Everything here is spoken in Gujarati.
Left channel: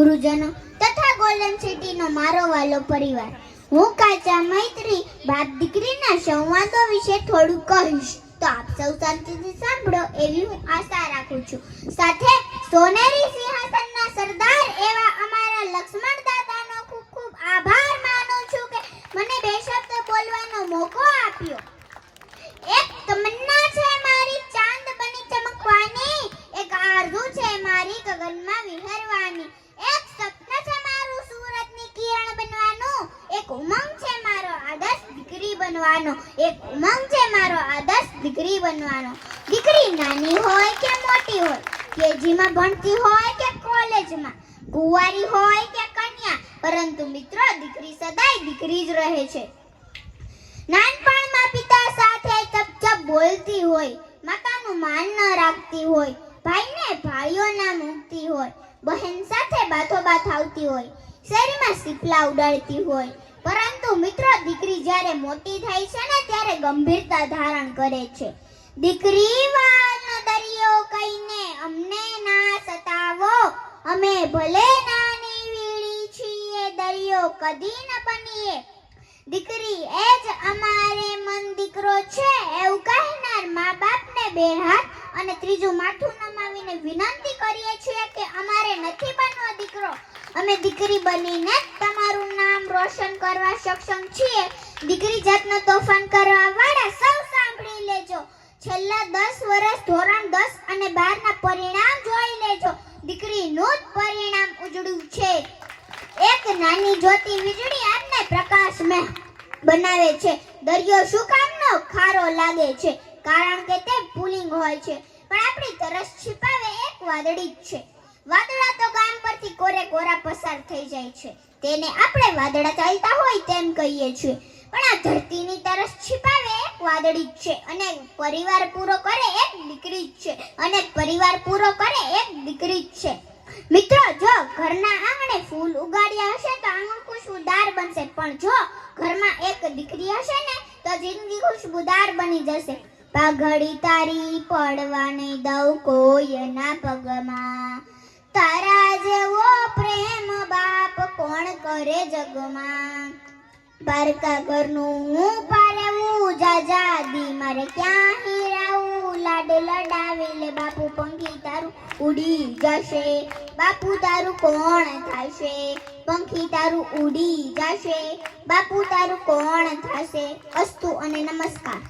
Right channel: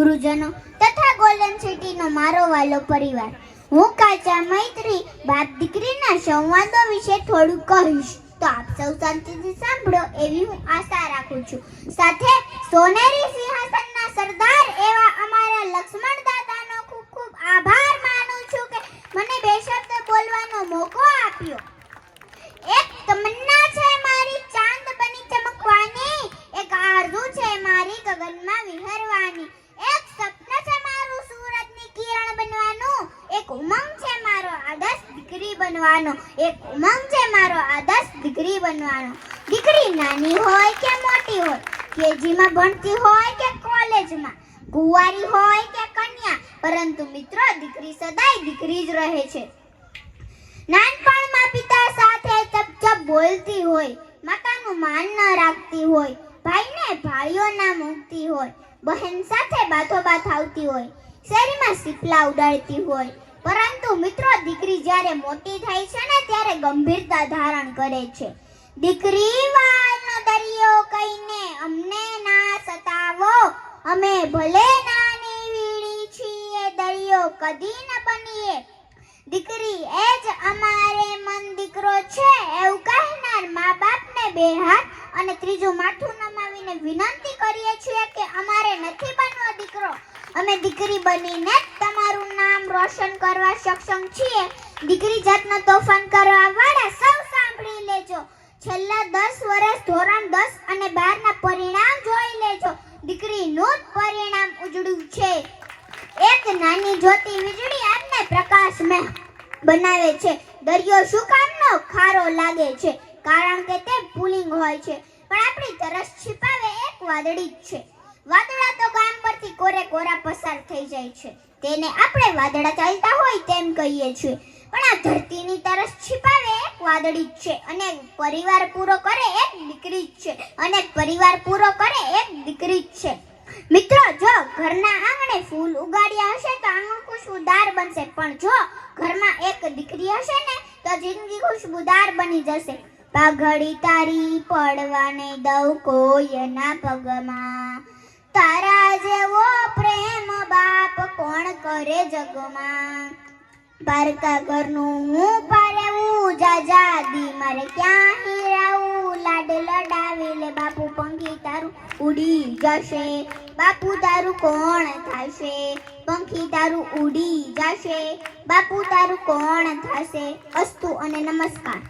ગુરુજનો તથા ગોલ્ડન સિટીનો મારો વાલો પરિવાર, હું કાચા મૈત્રી બાપ દીકરીના સંવાદો વિશે થોડું કહીશ, તો આપ સૌ શાંતિથી સાંભળો એવી હું આશા રાખું છું. સાથે સોનેરી સિંહાસનના સરદાર એવા અમારા લક્ષ્મણ દાદાનો ખૂબ ખૂબ આભાર માનું છું કે મને બે શબ્દ બોલવાનો મોકો આપ્યો. એક તમન્ના છે મારી ચાંદ બની ચમકવાની, એક આરઝુ છે મારી ગગનમાં વિહરવાની, એક સપન છે મારું સૂરજની કિરણ બનવાનું, એક ઉમંગ છે મારો આદર્શ દીકરી બનવાનો, એક ઉમંગ છે મારો આદર્શ દીકરી બનવાનો. દીકરી નાની હોય કે મોટી હોય, કેજીમાં ભણતી હોય કે કોલેજમાં, કુંવારી હોય કે કન્યા, પરંતુ મિત્રો દીકરી સદાય દીકરી જ રહે છે. નાનપણમાં પિતા સાથે ચપચપ બોલતી હોય, માતાનું માન ન રાખતી હોય, ભાઈને ભાઈઓ ના મૂકતી હોય, બહેન સાથે બાથોબાથ આવતી હોય, શેરીમાં સીપલા ઉડાડતી હોય, પરંતુ મિત્રો દીકરી જ્યારે મોટી થાય છે ને ત્યારે ગંભીરતા ધારણ કરે છે. દીકરી વાળનો દરિયો કહીને અમને ના સતાવો, અમે ભલે નાની વીળી છીએ દરિયો કદી ન બનીએ. દીકરી એ જ અમારે મન દીકરો છે એવું કહેનાર મા બાપને બે હાથ અને ત્રીજું માથું નમાવીને વિનંતી કરીએ છીએ કે અમારે નથી બનવો દીકરો, અમે દીકરી બનીને તમારું નામ રોશન કરવા સક્ષમ છીએ. દીકરી જાતનો તોફાન કરવા વાળા સૌ સાંભળી લેજો. છેલ્લા 10 વર્ષ ધોરણ 10 અને 12 ના પરિણામ જોઈ લેજો. દીકરીનું જ પરિણામ ઉજળું છે. એક નાની જ્યોતિ વીજળી આપને પ્રકાશમય બનાવે છે. દરિયો શું કામનો ખારો લાગે છે? કારણ કે તે પુલિંગ હોય છે, પણ આપણી તરસ છિપાવે એક વાદળી જ છે. વાદળા તો ગામ પરથી કોરે કોરા પસાર થઈ જાય છે, તેને આપણે વાદળા ચાલતા હોય તેમ કહીએ છીએ, પણ આ ધરતીની તરસ છિપાવે એક વાદળી જ છે, અને પરિવાર પૂરો કરે એક દીકરી જ છે, અને પરિવાર પૂરો કરે એક દીકરી જ છે. મિત્રો, જો ઘરના આંગણે ફૂલ ઉગાડ્યા હશે તો આંગણ ખુશબુદાર બનશે, પણ જો ઘરમાં એક દીકરી હશે ને તો જિંદગી ખુશબુદાર બની જશે. પાઘડી તારી પડવા નહીં દઉં કોઈના પગમાં, તારા જેવો પ્રેમ બાપ કોણ કરે જગમાં. પારકા ઘરનું હું પાડવું જાજાદી મારે ક્યાં હીરાવું, લાડ લડાવે લે બાપુ પંખી તારું ઉડી જશે, બાપુ તારું કોણ થશે, પંખી તારું ઉડી જશે, બાપુ તારું કોણ થશે. અસ્તુ અને નમસ્કાર.